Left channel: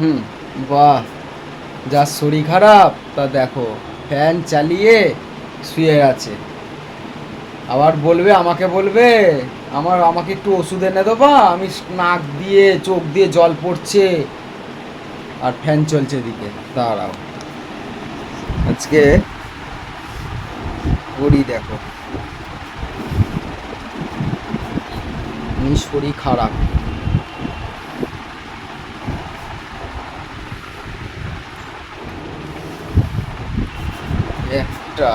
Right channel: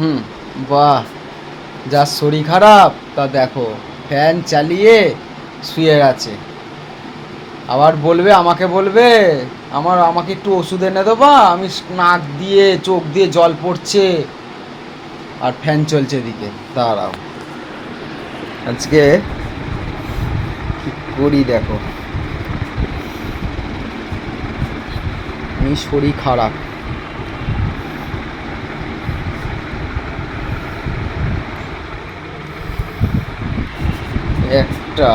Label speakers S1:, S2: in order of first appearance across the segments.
S1: হুম, বাহ। যার শরীর খারাপ, তা দেখো, ফ্যান চালিয়ে শুয়ে আছে। আবার বলবে, আমাকে বলবে, আমার, আমাকে একটু ওষুধ এনে দেবা আমি নাক দিয়ে, চোখ দিয়ে জল পড়ছে। আর ফ্যান চলছে এদিকে। দাঁড়াও। আজকে কি করি দেখো। আমি শরীর খারাপ। একটা।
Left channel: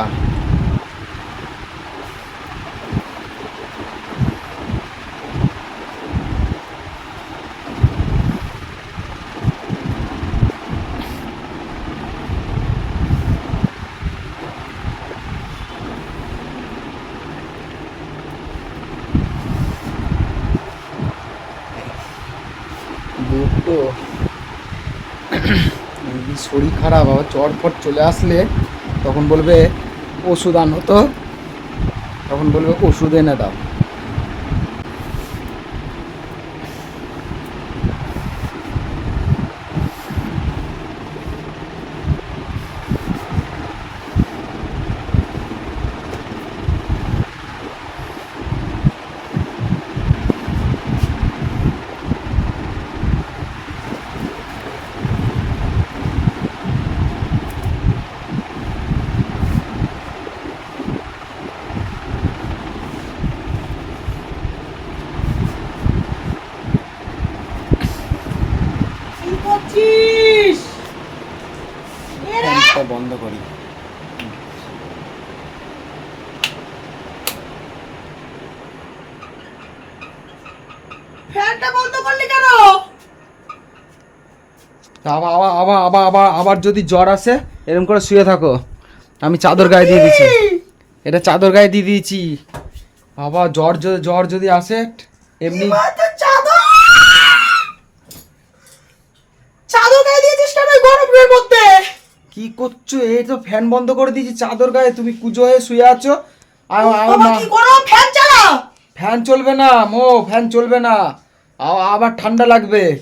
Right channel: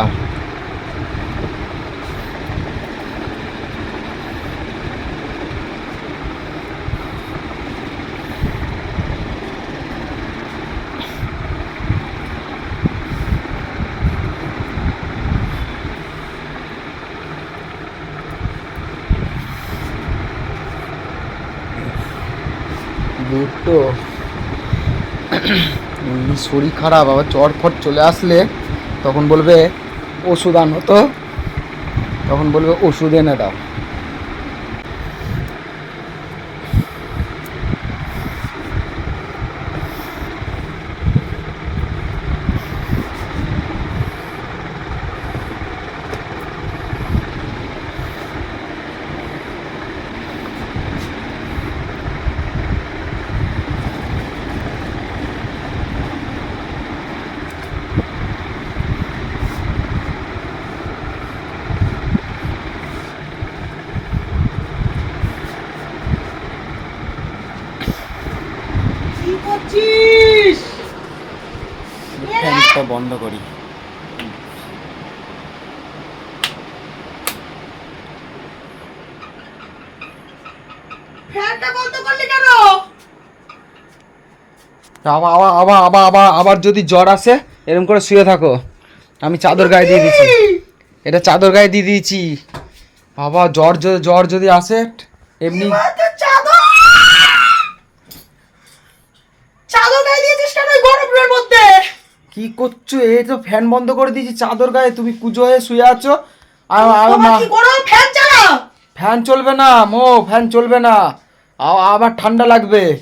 S1: দুটো। শরীর খারাপ আবার জ্বর ফট চলে আসলে। তখন বলবে ওষুধ আনো তো। তখন বলবে ওষুধ এনে দাও
S2: কি করছিস
S1: ফ্যানটা বন্ধ করি।
S2: ফ্যানটা বন্ধ করলি কেন?
S1: আবার আবার আবার আবার আবার আবার যদি জ্বর আসে এরকম করে শুয়ে থাকো। আমি চাদর গায়ে দিয়ে দিচ্ছি এটা চাদর গায়ে দিয়ে দিয়েছি। বাবা জ্বর জ্বর যদি আসে এমনি
S2: এবার তো চাদর চাদর গায়ে দিয়েছিস কেন মধ্যে?
S1: কি করছ? এই তো ফ্যান বন্ধ করে দিয়েছি চাদর গায়ে। তুমি কুজো হয়ে শুয়ে আছো। আর
S2: কি গরম ফ্যান চালা?
S1: ফ্যান চলবে না মো ফ্যান চলবে না। আ- আবার ঠান্ডা লাগবে।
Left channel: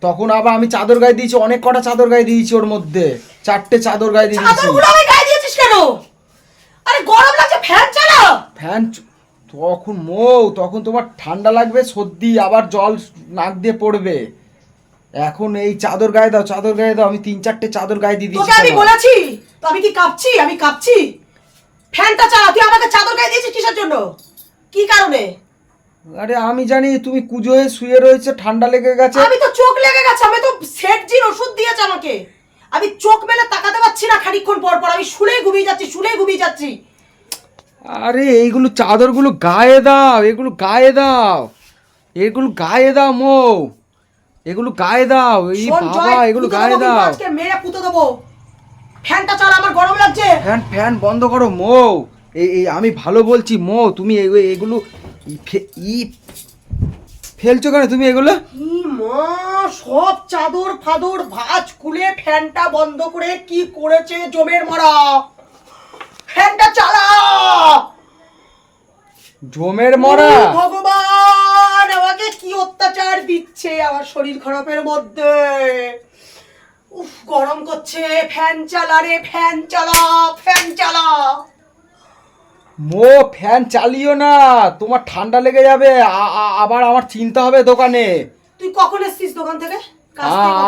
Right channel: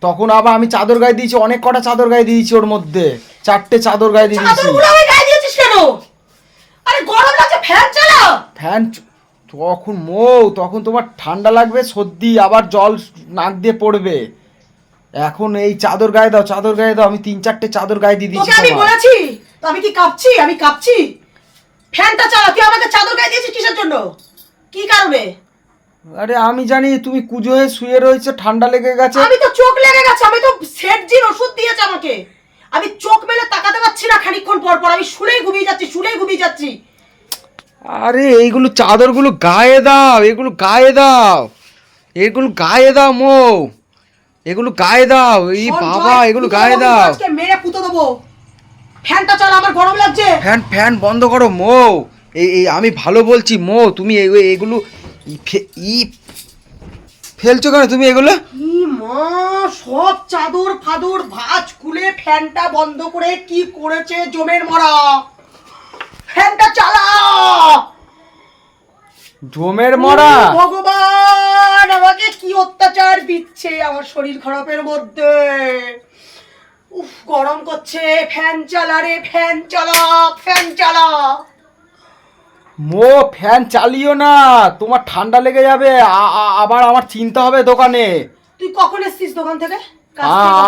S1: তখন আবার আমি চাদর গায়ে দিয়েছি অনেক কটা চাদর গায়ে দিয়েছি ওর মধ্যে। চারটে চাদর গায়ে দিয়ে দিয়েছি।
S2: দিয়েছিস কেন? আরে গরম লাগছে ফ্যান চালা?
S1: ফ্যান তখন মৌ তখন তোমার ঠান্ডা লাগবে সর্দি আবার জল নাক দিয়ে পড়বে। এখন এই চাদর গায়ে দাও চাদর গায়ে দাও আমি তিন চারটে চাদর গায়ে দিয়ে দিয়েছি
S2: তোকে আমি বলেছি তো আমি কি কাঁপছি? আমি কাঁপছি? ফ্যানটা চালা তুই আমাকে চাদর গায়ে দিয়েছিস কিসের জন্য? কি কারণে?
S1: আরে আমি জানি তুমি কুজো হয়ে শুয়ে রয়েছে ঠান্ডা লেগে গেছে।
S2: আমি তো চোখ লেগে গেছে আমি তো সেট সেটজির ওষুধ দিয়েছে আমাকে। আমি চোখ মেলে তাকাতে পারছি না খানিকক্ষণ পর পর আমি শুলেই ঘুমিয়ে যাচ্ছি শুলেই ঘুমিয়ে যাচ্ছি।
S1: আরে এইগুলো চাদরগুলো গায়ে দাও এগুলো গায়ে দাও এগুলো গায়ে দাও মৌ। এগুলো গায়ে দাও এই বাবা এগুলো গায়ে দাও।
S2: আজকে মেরে পুঁতে দেবো ফ্যানটা চালা আমার গরম লাগছে।
S1: ফ্যান ফ্যান বন্ধ করো মো। এই আমি ভালো বলছি মো তুমি এগুলো ই ফেলছো কেন তুমি এগুলো?
S2: মা সব চাদর ফাদর ভাঁজ খুলে ফ্যানটা বন্ধ করে কি করেছে জমের মরা? ফ্যানটা চালা!
S1: জমের মরা?
S2: ও ভগবান আমাকে কি অত্যাচার দিচ্ছে আমার শরীর খারাপের মধ্যে? উফ গরম করছে ফ্যান চালা রে ফ্যান চালা ফ্যান চালা।
S1: মো ফ্যান চালিও না তোমার ঠান্ডা লেগে যাবে আবার আমার চিন্তা হবে দোকানে।
S2: তুই কখন এসছিস দোকান থেকে?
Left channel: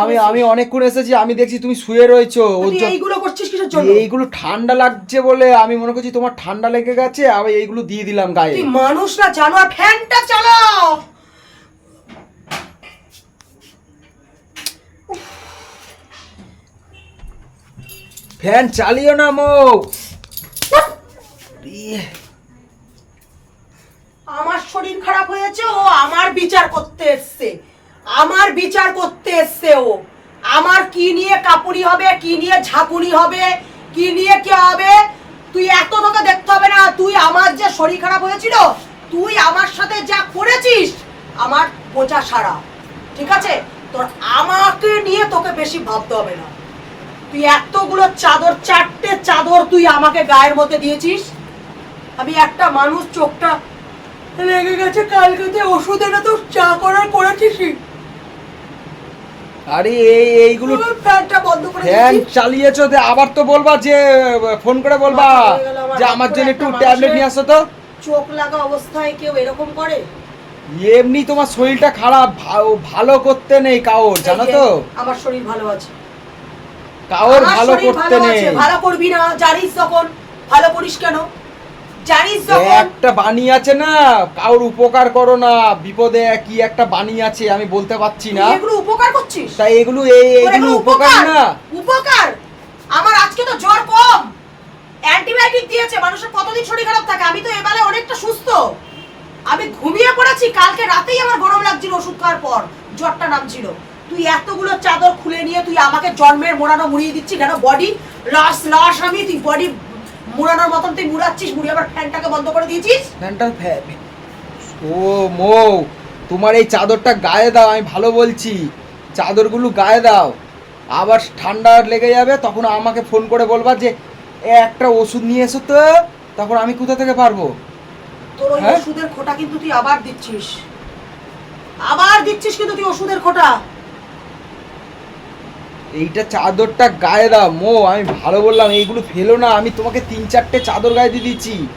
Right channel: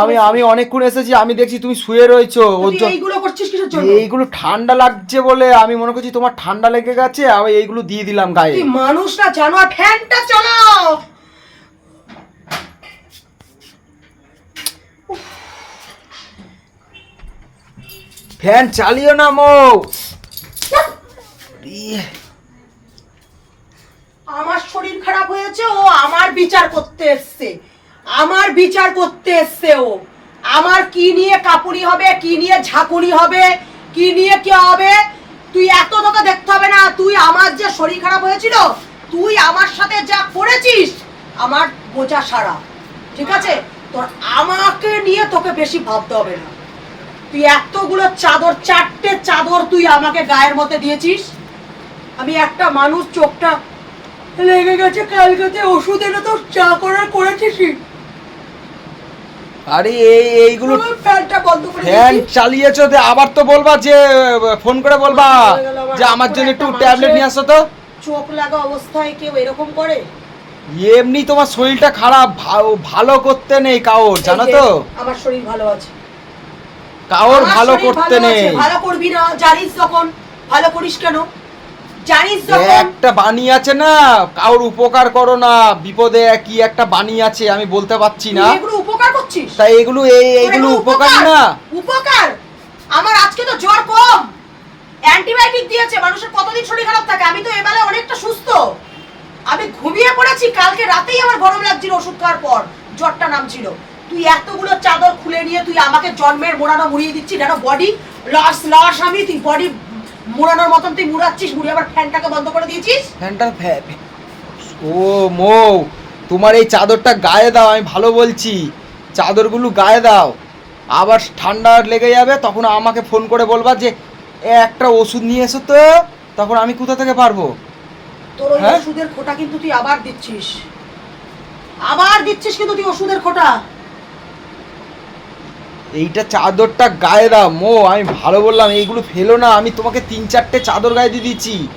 S1: আমি আমি অনেকক্ষণ এসেছি আমি দেখছি তুমি শুয়ে রয়েছো
S2: এইগুলো করছিস জন্য?
S1: এইগুলো ঠান্ডা লাগছে বলে আমি মনে করছি তোমার ঠান্ডা লেগে গেছে আমি এইগুলো দিয়ে দিলাম গায়ে।
S2: তুই মানুষ না জানোয়ার ফ্যানটা চালাও!
S1: ফ্যান চালিও না মৌ। ইয়ে,
S2: আমার শরীর খারাপ হয়েছে ও আমার বিচার করতে এসছে। আমার বিচার করতে এসছে ও। আমার কি নিয়ে কাপুরি হবে, কি নিয়ে ঝাঁকুনি হবে, কি নিয়ে কি হবে? তুই এত তোকে দেখতে হবে না, তুই আমার যে শরীর খারাপ হয়েছিল, তুই আমার সাথে যা করেছিস, আমার বোঝা সারা। ঠিক আছে? তোর আমাকে নিয়ে তোকে বেশি ভাবতে হবে না। তুই এতগুলো চাদর, চারটে চাদর তুই আমাকে গায়ের মধ্যে দিয়েছিস। আমি একটা মানুষ, চোখটা লেগে গেছে, কালকেতে ওষুধ এনে তো চা করার করেছিস
S1: আরে এই এইগুলো ফ্যান চালিয়েছো আবার তো বলবা যে ফোন করে বলবা যে আমার জন্য একটু ট্যাবলেট নিয়ে আসো তো।
S2: চোখ লাগা অবস্থায় কেউ এরকম করে?
S1: এমনি তোমার শরীরটা খারাপ ভালো করতে নেই কাউর জানো তো?
S2: আমার শরীর ভালো আছে।
S1: কাউর ভালো করতে নেই।
S2: ভালো করবি না জানিস যখন। ভালো করিস কেন? জানিস
S1: একটা বাণী আছে না? কাউর উপকার করো না। বিপদে কি একটা বাণী আছে আমি বলতে পারছি না।
S2: এগুলো উপকার করছিস?
S1: তাই এগুলো এই
S2: এগুলো
S1: উপকার না।
S2: উপকার? আমার আজকে তো জ্বর কম। অ্যান্টিবায়োটিক দিয়েছে মানুষের কতদিন শরীর খারাপ থাকে? আমি তো এবেলা অনেকটা সুস্থ। আমি ঘুমিয়ে পড়েছি কালকে রাতেই আমার গরম লাগছিল ওষুধ খাওয়ার পর। জ্বরটা নামছিল। তুই এতগুলো চাদর খুলে নিয়ে তুই আমাকে জন্মের মোড়ানো মুড়িয়ে দিচ্ছিস কেন বডি লস লস আমি তুই বডি মুড়ানোর মতন তুই মুড়াচ্ছিস মুড়িয়ে আবার ফ্যানটাকে বন্ধ করে দিয়েছিস?
S1: ফ্যানটা ফ্যা- ও মো তোমার এই চাদরটা গায়ে দাও আমি ভালো বলছি। চাদরগুলো গায়ে দাও। আবার ঠান্ডা লেগে যাবে তখন আমাকে ফোন করে বলবা যে "এ, একটা ওষুধ নিয়ে এসো তো তখন আমি কোথা থেকে পারব?
S2: তোর ওই
S1: হ্যাঁ?
S2: ওষুধের খোটা কিন্তু তুই আবার দিচ্ছিস। আবার দিচ্ছিস কিন্তু তুই ওষুধের খোটা।
S1: এইটা চাদরটা গায়ে দাও। মো আমি ভালো বললাম এইগুলো ফেলো না আমি তোমাকে তিন চারটে চাদর গায়ে দিয়ে দিচ্ছি।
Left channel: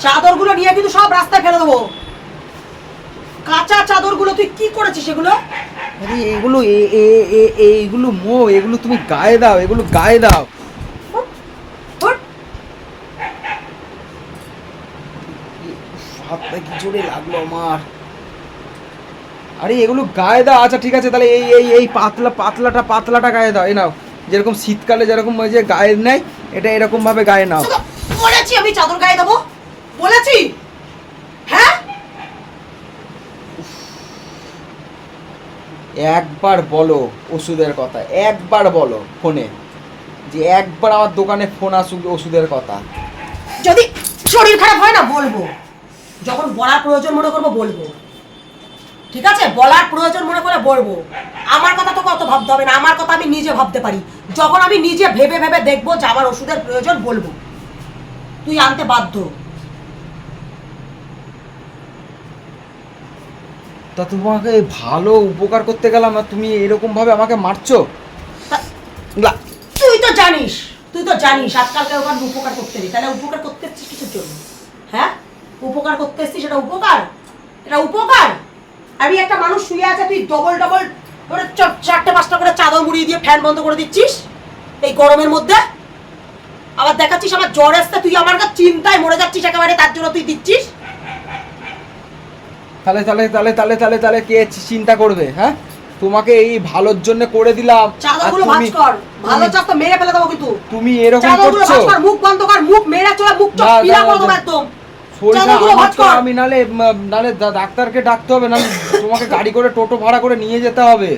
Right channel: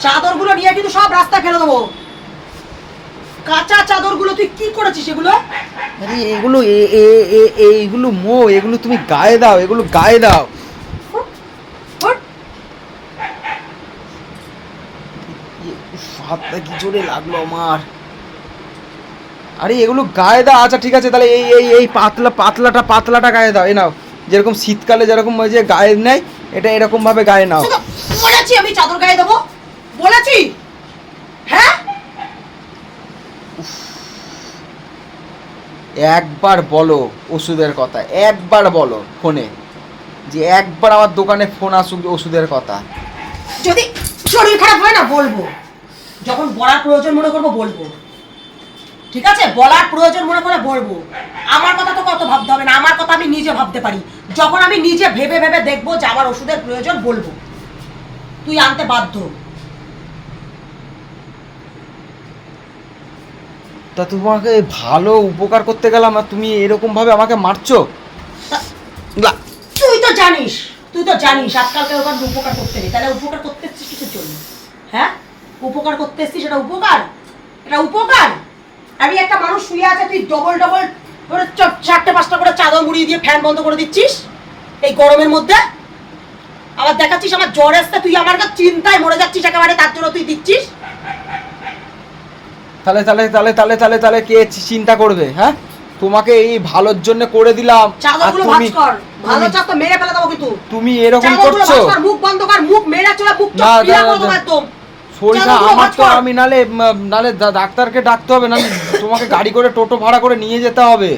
S2: চাদরগুলো নিয়ে কিন্তু সব রাস্তায় ফেলে দেবো। কাঁচা চাদরগুলো তুই কি করেছিস এগুলো?
S1: আরে এগুলো এ- এ- এ- এইগুলো মো এগুলো তুমি গায়ে দাও এগুলো গায়ে দাও। হাতটা কি জোরে লাগল আমার। আরে এগুলো গায়ে দাও আচ্ছা ঠিক আছে তাহলে এই এই এই পাতলা পাতলাটা পাতলাটা গায়ে দাও এই নাও। যেরকম শীতকালে যেরকম ওই যে গায়ে নেয় এটা এরকম ভাবে গায়ে নাও।
S2: বলেছি আমি চাদর গায়ে দেবো। বলেছি। হ্যাঁ?
S1: একবার বলো ওষুধের কথা একবার বলো ফোনে যে একবার আমার দোকানে ফোন আসুক ওষুধের কথা।
S2: যদি শরীর খারাপ হয় না বলব। যখন বলার প্রয়োজন মনে করব বলব। ঠিক আছে? বলার প্রয়োজন মনে করে বলব। আমার কথা তো কত ভাবতে হবে না। আমার কথা আমি নিজে ভাবতে পারি। যখন আমি নিজে ভেবে ভেবে দেখব যে আমার ওষুধের প্রয়োজন বলব। তুই আনতে বাধ্য।
S1: তা তোমাকে ভালো উপকার করতে গেলাম আর তুমি এরকম ভাবে আমাকে মারছো?
S2: তুই তো জানিস তুই তো জানিস আজকালকার ওখানে উপকার করতে নেই। তাহলে উপকার করতে এসছিস কিসের জন্য? হ্যাঁ? উপকার করতে এসছিস সেটা উপকার? এটা উপকার? আমি একটা মানুষ শুয়ে আছে তুই ডবল ডবল করে চারটে পাঁচটা করে চাদর মুড়িয়ে দিয়ে ফ্যান বন্ধ করে দিচ্ছিস? এই গরমের মধ্যে? আবার দেখাচ্ছিস আমার জ্বর আসতে তুই আমার কাছে চিন্তায় মরে যাচ্ছিস একেবারে তার জন্য তুই দিচ্ছিস?
S1: তাহলে তাহলে তাহলে তাহলে তাহলে তাহলে কে চিন্তা করবে হ্যাঁ? তোমাকে এই ভালোর জন্য করে দিলাম। আর তুমি
S2: কর। ভালো চাপ তো মেরে ফেলে দেবো কিন্তু।
S1: তুমি এরকম করছ?
S2: মুখ বন্ধ কর মুখ মেরে চলে মুখ চোখ করে দেবো একদম। চাদরগুলো
S1: আমার তো আমি নালে নালে ডাক্তারকে ডাকতে হবে নালে তোমাকে গাড়ি করে টোটো ভাড়া করে নিয়ে যেতে হবে।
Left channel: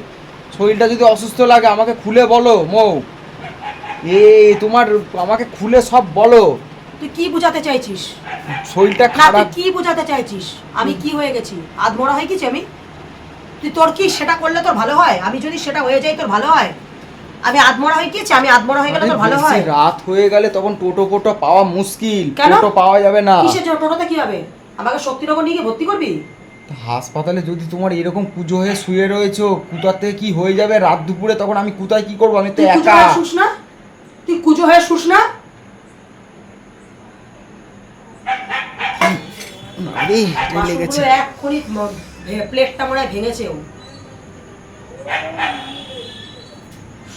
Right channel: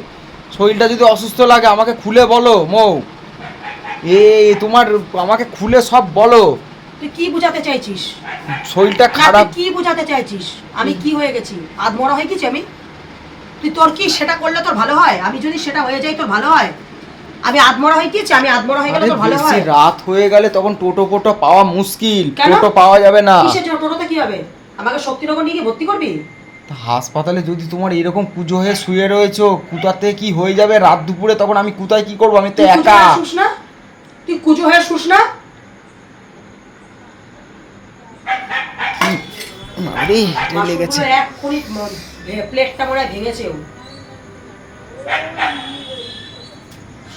S1: শরীরটা যদি অসুস্থ লাগে আমাকে খুলে বলো মৌ। এ তোমার আমাকে খুলে সব বলো।
S2: তুই কি বোঝাতে চাইছিস?
S1: শরীরটা খারাপ।
S2: কি বোঝাতে চাইছিস? আমি কি হয়ে গেছি? আধমরা হয়ে গেছি আমি? তুই তোর কি সেটা করলে তোর ভালো হয়? আমি যদি সেটা হয়ে যাই তোর ভালো হয়? আমি আধমরা হয়ে গেছি আমি আধমরা হয়ে গেলে তোর ভালো হয়।
S1: রাত হয়ে গেলে তখন টোটো ফোটো পাওয়া মুশকিল টোটো পাওয়া যাবে না।
S2: কিসের টোটোতে কি হবে? আমাকে শক্তিনগর নিয়ে ভর্তি করবি?
S1: হাসপাতালে যদি তোমার এরকম পুজো হয়ে শুয়ে রয়েছো কোথাতে কি হয়ে যাবে রাত দুপুরে? তখন আমি কোথায় কি করব? আমি তো একা।
S2: না? তুই কুজো হয়ে শুস না?
S1: আরে লেগেছে।
S2: প্লেটটা মনে হয় ভেঙেছে।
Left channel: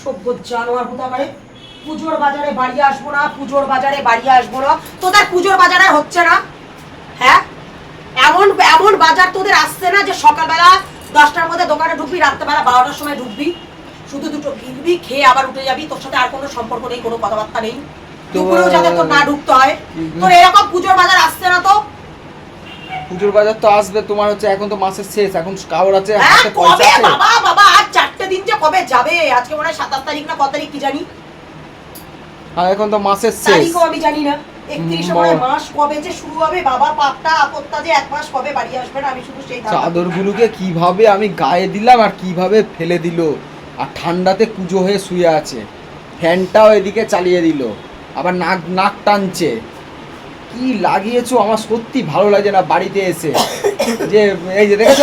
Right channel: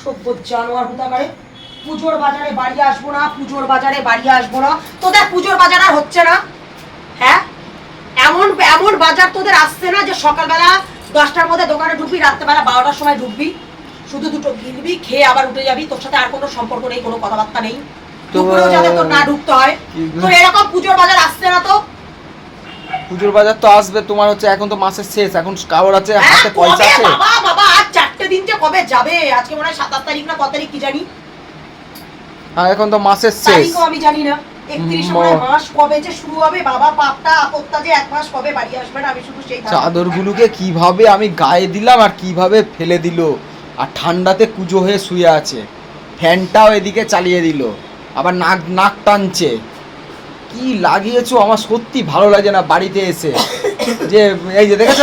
S2: সভ্য জানোয়ার হুতাকারে পুজোর বাজারে বাড়ি আসব না পুজোর বাজারে বাড়ি আসব না। তোদের পুজোর বাজার আর হচ্ছে না। হ্যাঁ? এমন এমন বাজার তোদের আসছে না যে সকালবেলা দশটার মধ্যে দোকানে ঢুকবি রাত্রেবেলা বারোটার সময় ঢুকবি। শুধু দুটো গিলবি খেয়ে আবার উঠে যাবি। তোর সাথে আর কোনো সম্পর্ক নেই কোনো কথাবার্তা নেই।
S1: তো,
S2: দুপুরেও যাতে তোর না ঢুকতে হয়। তোর এরকম পুজোর বাজার আসছে না তো?
S1: পুজোর বাজার তো আসবে তোমার হচ্ছে এখন তো মাসের শেষ। এখন কাগর আছে
S2: হ্যাঁ,
S1: হাতে পয়সা আছে।
S2: বাবা বাবা আজ চারটে দিন যে কবে যাবে? আজকে মনে হয় সাতাশ তারিখ না কত তারিখ কি জানি?
S1: আর এখন তো মাসের শেষ।
S2: তারিখও আমি জানি না। একত্রিশ মাস কবে যে শুরু হবে বাবা পাপটা আপত্তা যে এক মাস কবে বাড়ি আসবে না আমি শুধু সেই
S1: চাদরগুলোকে কীভাবে আমি গায়ে দিলাম আর কীভাবে ফেলে দিল? আর ঠান্ডাতে কুজো হয়ে শুয়ে আছে। ফ্যানটাও এদিকে চালিয়ে দিল। আবার নাক নাক টানছে। কি লাগিয়েছো? আমার সত্যি ভালো লাগে না বাড়িতে এসে। যে এই যে দেখেছ?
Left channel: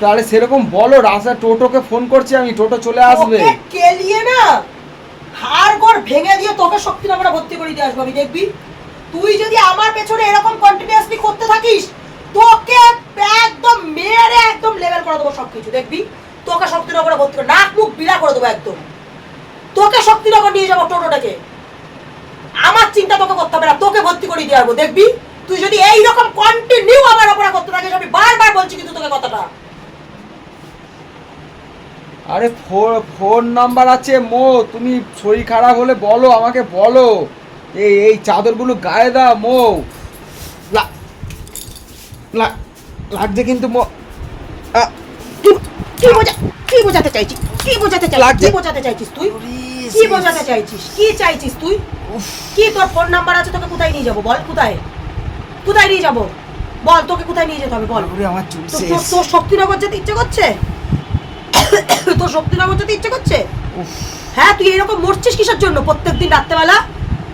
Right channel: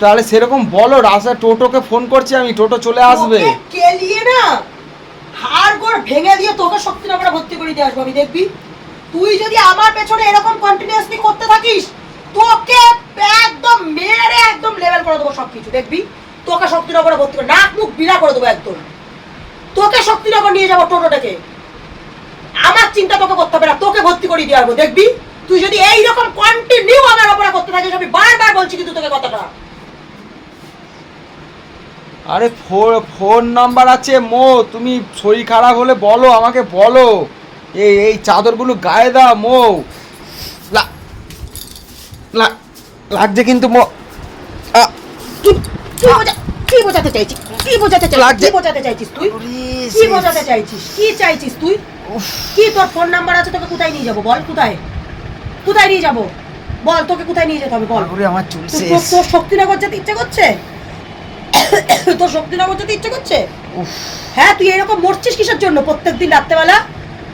S1: তাহলে সেরকম বলো রাস্তা টোটোকে ফোন করছি আমি, টোটো চলে আসবে।
S2: কেলিয়ে না, হাড় গোড় ভেঙে দিয়ে তোকে শক্তিনগরে ভর্তি করে দিয়ে আসব, আমি দেখবি। তুই যদি আমার পেছনে এরকম কন্টিনিউয়াসলি করতে থাকিস, তোকে একদম মেরে একদম লেভেল করে দেবো সবকিছু, দেখবি? তোকে শক্তিনগরে ভর্তি করে, নাক মুখ বিড়া করে দেবো একদম। তোকে শক্তিনগর নিয়ে যাব টোটোটাকে। আমার চিন্তা তোকে করতে হবে না, তোকে ভর্তি করে দিয়ে আসব, দেখবি? তুই যদি এইরকম কন্টিনিউ আমার ওপরে করতে থাকিস, আমি বারবার বলছি কিন্তু তোকে কথাটা।
S1: আরে ফো- ফোন নাম্বার আছে মো তুমি শরীর খারাপ হলে বলো আমাকে বলো। এই এই চাদরগুলো গায়ে দাও মো। লা- লা- লাগছে কিন্তু মো।
S2: কি কি বোঝা কি বোঝাতে চাইছিস কি বোঝাতে চাইছিস
S1: লাগছে।
S2: কি বোঝাতে চাইছিস তুই? কি বোঝাতে চাইছিস? কি চাইছিস তুই? কি তোর ফোন নাম্বার আছে? তোকে কোথায় নিয়ে যাব? বল কোথায়? কোথায় নিয়ে যাব? বল তোকে কোথায় নিয়ে যেতে হবে? বল।
S1: আমার চুল
S2: তোর-
S1: শেষ।
S2: তোর- তোর শক্তিনগর যেতে ইচ্ছে করছে? শক্তিনগর যেতে ইচ্ছে করছে?
S1: উফ,
S2: হ্যাঁ তুই এরকম মরছিস কিসের জন্য? প্রত্যেকদিন রাত্রেবেলা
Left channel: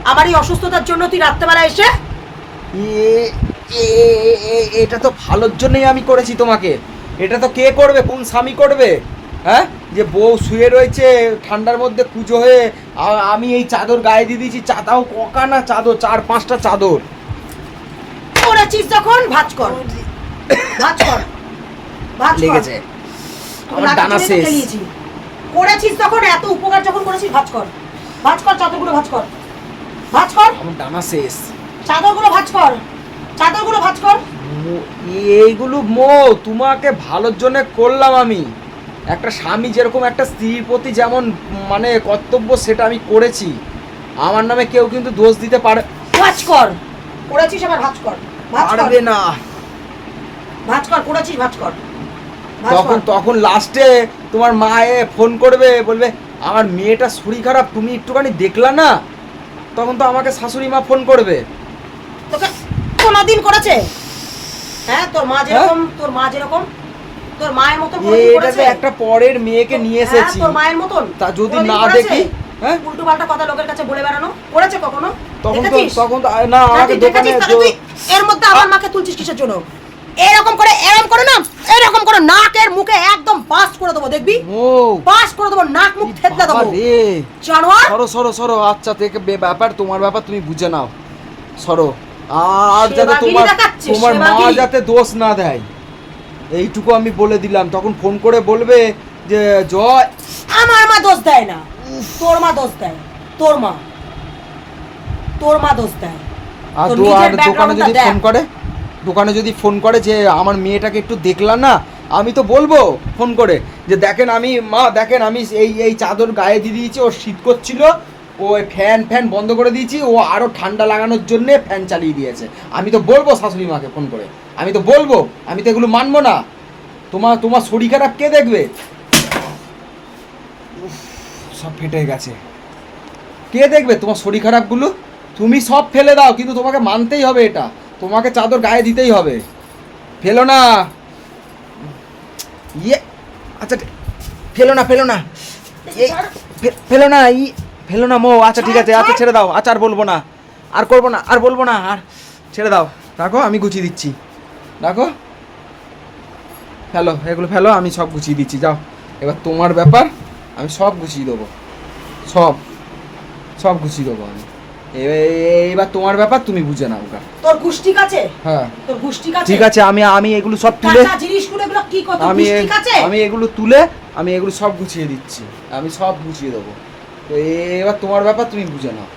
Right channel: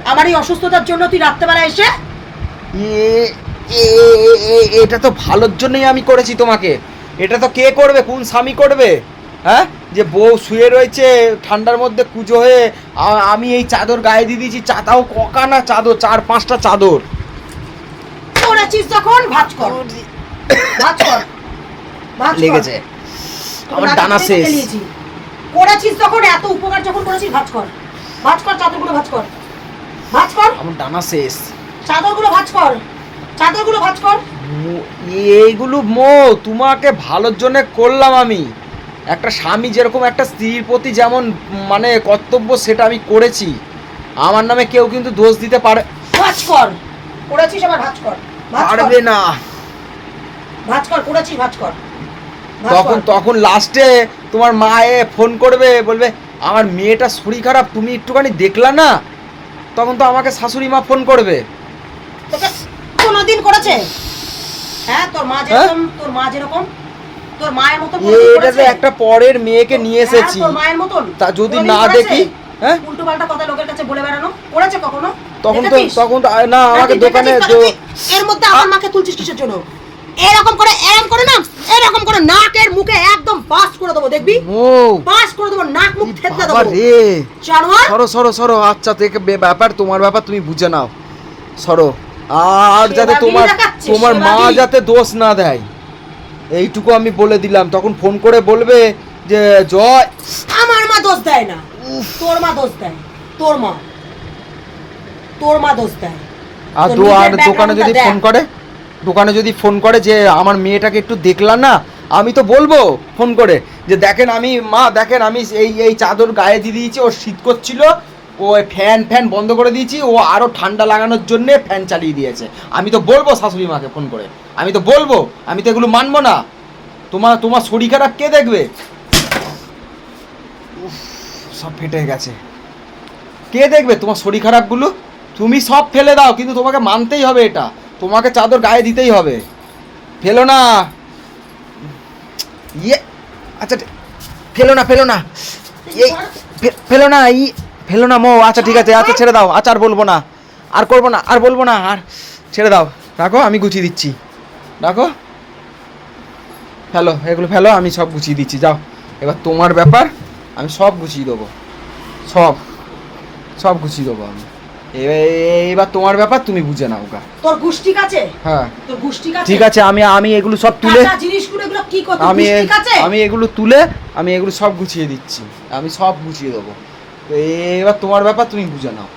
S2: আমার এই অসুস্থতার জন্য তুই রাত্রেবেলা এসে
S1: এ- এ- এ- এ- এটা তো ভালোর জন্যই আমি করেছি তোমাকে। এটা তো কে করবে? কোন স্বামী করবে? হ্যাঁ? যে বউ শুয়ে রয়েছে ঠান্ডার মধ্যে কুজো হয়ে আমি এই চাদর গায়ে দিয়ে দিয়েছি চাতাও ককানা চাদর চার পাঁচটা চাদর।
S2: করেছিস যখন ভাজ কর। ভাজ কর। ভাজ কর।
S1: লেগেছে। আমার ডানা শেষ।
S2: করেছিস তখন? এত উপকার যখন করেছিস ভাজ কর। ভাজ কর চাদরগুলো ভাজ কর। ভাজ কর।
S1: আমার ডানা শেষ।
S2: চাদরগুলো ভাজ কর। চাদরগুলো ভাজ কর।
S1: এইগুলো মো তোমাকে ভালোর জন্য করলাম আমি। একটা স্বামী যেরকম একটা স্ত্রীর প্রতি যেমন মানে কর্তব্য সেটা আমি করেছি। আমার নামে কেউ কিন্তু দোষ দিতে পারে।
S2: ভাজ কর। করেছিস আমার ভাজ কর।
S1: পারবে না।
S2: ভাজ কর করেছিস ভাজ কর।
S1: তখন তখন লাস্টে তোমার মা এ ফোন করবে বলবে আমার মেয়েটা শরীর খারাপ তুমি একটুখানি দেখলা না? তখন তো আমাকে শাশুড়ি মা ফোন করবে।
S2: করেছে? হ্যাঁ তোর মা যেরকম তোর মা যেরকম তোর মায়ের মতন
S1: এটা তো একটা পরের মেয়েকে নিয়ে
S2: হ্যাঁ,
S1: এসেছি।
S2: তোর মায়ের মতন?
S1: তা যদি না দেখি হ্যাঁ?
S2: উল্টো পাল্টা কথা লোকের কাছে বলে বেড়ানো। করেছে কখনো?
S1: তখন তো তখন তো না আমাকে দোকানে
S2: এর মধ্যে আমার মাকে তুলছিস কিসের জন্য? এরকম করে এরকম করে না এরকম করে নাকের মুখে একদম বাস করে দেবো দেখবি? বাস করে দেবো নাক মুখ থেতলে দেবো। জানোয়ার?
S1: সরো সরো সরো আচ্ছা থেকে ব্যাপার তোমার ব্যাপার তুমি বুঝে নাও। সরো। আর যাতে তোমার তোমার মা যাতে দোষ না দেয়। এইটুকু আমি বলে দিলাম। তখন ফোন করে বলবে যে জয়।
S2: আমার মা দোষ দেয় না। তোর মা দোষ দেয়। তোর মা। তোর মা দোষ দেয়।
S1: আর দোকানে যদি। ফোন করে? দোকানে যদি ফোন করে যে আমার মেয়েটাকে একটু দেখলাম না, আমি তো বলব ফোন করে যে দেখেন আমি, মা দেখেন আমি এই এই চাদর গায়ে দিয়ে দিয়েছি, ও শীত করছিল, ও ফ্যান ফ্যান বন্ধ করে দিয়েছি, ও আরও ঠান্ডা লাগানোর জন্য ফ্যান চালিয়ে দিয়েছে। আমি তো বলব শাশুড়ি মাকে ফোন করে, আমি তো বলব, আমি তো এগুলো মানবো না। তোমার তোমার শরীর খারাপ কে দেখবে? সব ফেটে গেছে। কে দেখবে তোমার শরীর খারাপগুলো? তুমি সব ফেলে দাও, কিন্তু তোমাকে মানতেই হবে এটা। তোমাকে চাদর গায়ে দিতেই হবে। ফেলো না। ইয়ে আচ্ছা ফেলো না ফেলো না। এই ফেলো না ই ফেলো না মো আচ্ছা ঠিক আছে আচ্ছা ছেড়ে দাও আচ্ছা আর বলব না। আর করব না আর বলব না আর ছেড়ে দাও। রাখো আমি গুছিয়ে দিচ্ছি। রাখো। ফেলো এগুলো ফেলো আমি সব গুছিয়ে দিচ্ছি যাও। এবার তোমার ব্যাপার আমি সব গুছিয়ে দেবো। সব সব গুছিয়ে দেবো আমি। এবার তোমার ব্যাপার তুমি বুঝে নাও গা।
S2: তোর গুষ্টি কাছে?
S1: হ্যাঁ।
S2: তোর গুষ্টি কাছে?
S1: ঠিক আছে আমি আমি এগুলো সব তুলে
S2: জিনিসগুলো এগুলো কি কথা
S1: আমি আমি এগুলো তুলে আমি এগুলো সব গুছিয়ে দিচ্ছি। আমি সব গুছিয়ে দেবো। এবার তোমার ব্যাপার তুমি বুঝে নাও।